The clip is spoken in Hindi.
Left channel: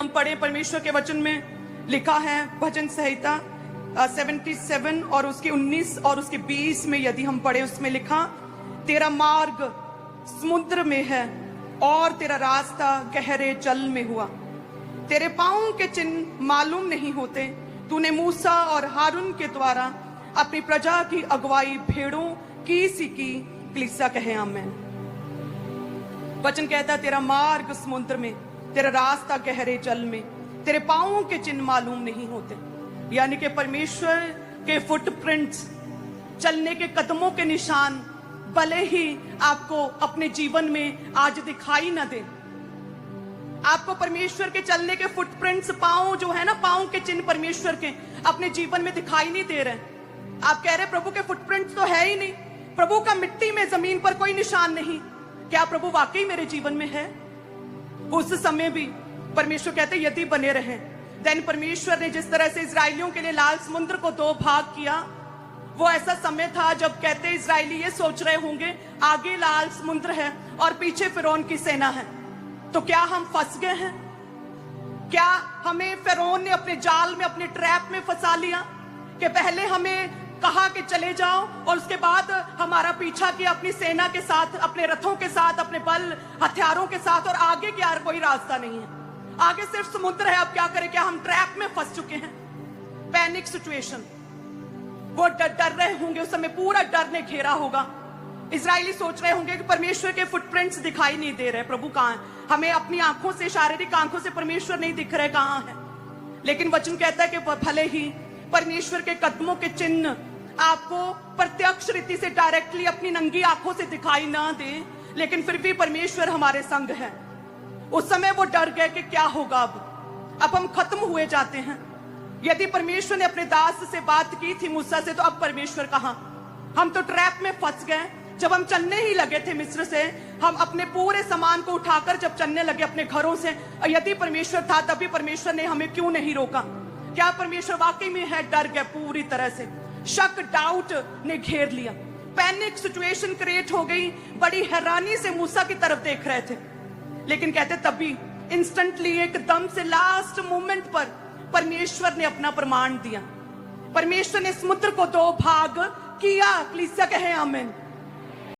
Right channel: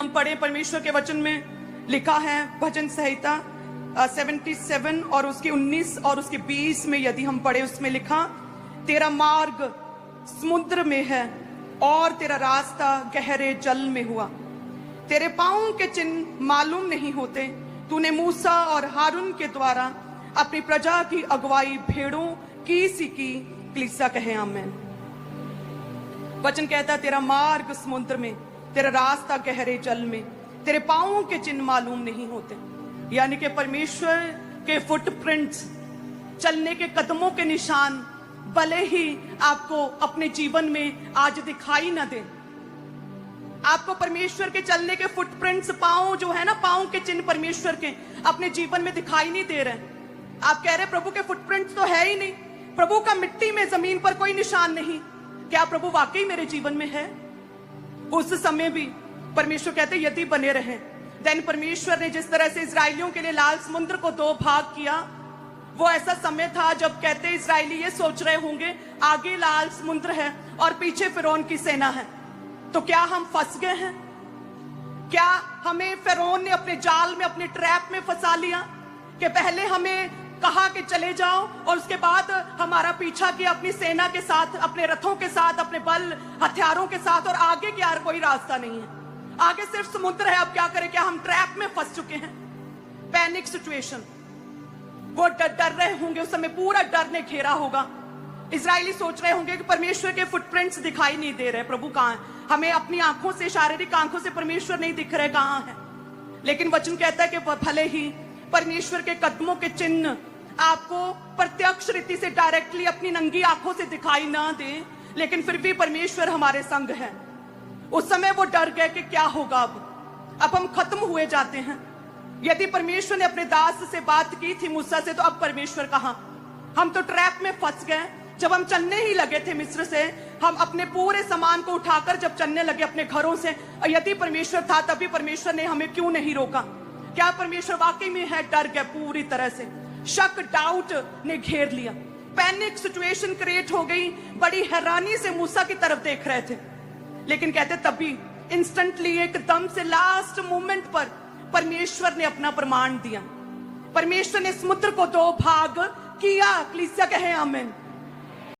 हम पढ़े परमेश्वर के वचन में लिखा है भजन संहिता 77 और उसके 19 और उसके 20 में यदि हम पढ़े उसमें लिखा, तेरा मार्ग समुद्र में है और तेरा रास्ता गहरे जल में हुआ, तेरे पांव के चिन्ह मालूम नहीं होते, तूने मूसा और हारून के द्वारा अपनी प्रजा की अगुवाई भेड़ों की सी की। कलीसिया कहे आमीन। वचन कहता है तेरा मार्ग समुद्र में, तेरा रास्ता गहरे जल में, तेरे पांवों के चिन्ह मालूम नहीं होते। यानी कि परमेश्वर के फुटप्रिंट्स, चलने के कदमों के निशान भले ही आपको अपने जीवन में आज दिखाई न दे, आपको परमेश्वर के चलने के फुटप्रिंट्स, पांव जो है ना, पांव के चिन्ह परमेश्वर के अपने जीवन में दिखाई नहीं दे रहे। आप कह रहे प्रभु के फुटप्रिंट्स तो है ही नहीं, प्रभु का मिट्टी में जमीन पर कोई निशान नहीं। क्या प्रभु वाकई मेरे जीवन में है? उस समय भी परमेश्वर कहते यदि बने रहे। देन परमेश्वर ने जिस तरह से इजराइलियों के लिए लाल समुद्र को दो भाग किया, वो ऐसा समय था जब कहते इजराइली ये सोच रहे होंगे आगे लाल समुद्र है और पीछे फिरौन की सेना है, तो क्या हम फंस गए हैं? क्या हमें फिरौन ने अपने जाल में, अपने ट्रैप में फंसा लिया कि पहले हमें कहा कि चले जाओ और उसके बाद हमारा पीछा किया अपनी सेना के साथ, अपने रथों के साथ, अपने बल हथियारों के साथ, और आगे क्या कोई रास्ता नहीं है, आगे सिर्फ समुद्र है। अब क्या करें? क्या हम ट्रैप में फंस चुके हैं? Panic situation. वो डर रहे होंगे, उस समय पूरा डर ने घेरा होगा। इस्राएली सोच रहे होंगे कि परमेश्वर के फुटप्रिंट्स दिखाई नहीं दे रहे, प्रभु कहाँ है? हमें अपनी आंखों से, शारीरिक आंखों से परमेश्वर नहीं दिख रहे, कहाँ है? लेकिन वचन कहता है कि भले ही परमेश्वर के कदमों के चिन्ह आपको प्रत्यक्ष रीति से डायरेक्टली अपनी नंगी आंखों से दिखाई ना दे, लेकिन फिर भी परमेश्वर हमारे संग है। उस समय वो डर गए कि क्या होगा, अब हम खत्म हुए जाते हैं। यदि परमेश्वर ने अपने दास से बात की थी मूसा से, तो अब परमेश्वर कहाँ? हम तो ट्रैप में फंस गए। जब हम चलने ही लगे थे मिस्र से, हम अपने पूरे सामान को उठाकर जब चलने लगे अपने घरों से, और यदि परमेश्वर था तभी परमेश्वर ने हमें क्यों नहीं रोका? क्या परमेश्वर वाकई में है? डर गए पूरी तरह से, शक, डाउट ने घेर लिया, पैनिक सिचुएशन क्रिएट हो गई। बड़ी हैरानी से मूसा की तरफ देख रहे थे, लेकिन कहते तभी इंस्टेंटली, एकदम से लास्ट मोमेंट पर परमेश्वर ने अपना प्रमाण दिया। परमेश्वर ने समुद्र को दो भाग किया। कलीसिया कहे आमीन।